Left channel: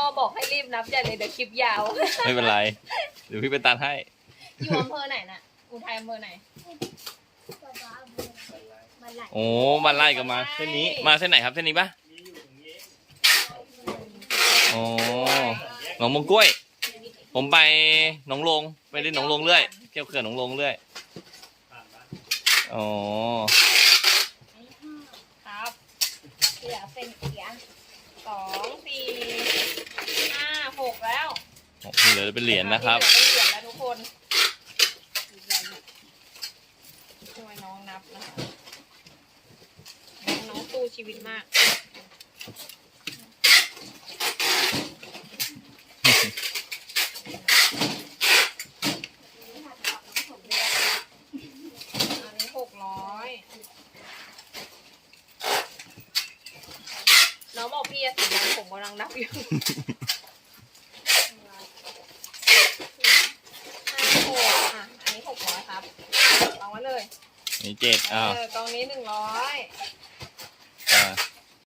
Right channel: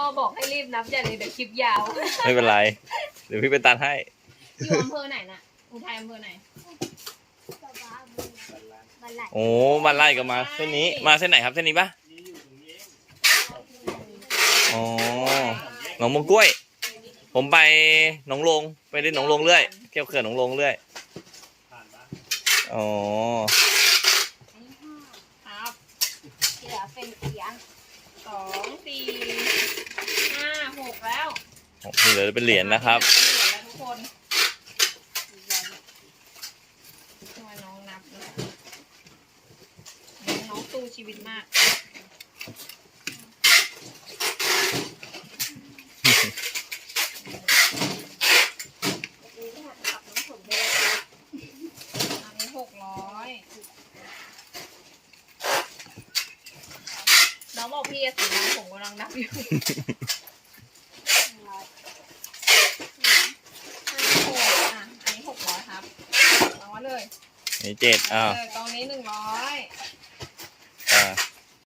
อบอกให้รีบนับอย่าเลยเดี๋ยวคลิปยาว ไม่เป็นไร เดี๋ยวพี่ไปตัดให้ อยู่อำเภอไหนน่ะ อุทัยอำเภอไหนป๊าป๊าบันไลโอ้บ้านไร่ก็มา เส้นนี้ มาเส้นไหนครับเส้นนี้ปะอ๋อหนองมงกล้วย ผมไปหนองลงไปเล่นหนองลงเรื่อยเที่ยวเขื่อนหนองลงเรื่อยอ๋อครับเหลือเป็นเกียร์สองสี่ห้าหกแล้ว ที่เหลือเป็นเหรียญนะครับ เหลือเป็นเหรียญแล้วทุกคนช่วยน้องนับนะคะน้องน้องสู้ชีวิตมาก อันนี้หกร้อย น้องบอกพี่จะสีดำผมกำลังนับอยู่ ห้าหกอะ อันนี้หกร้อยครับลองไว้ เลยนี่เจ็ดอ้าวเออกองนี้หนึ่งร้อยอ่า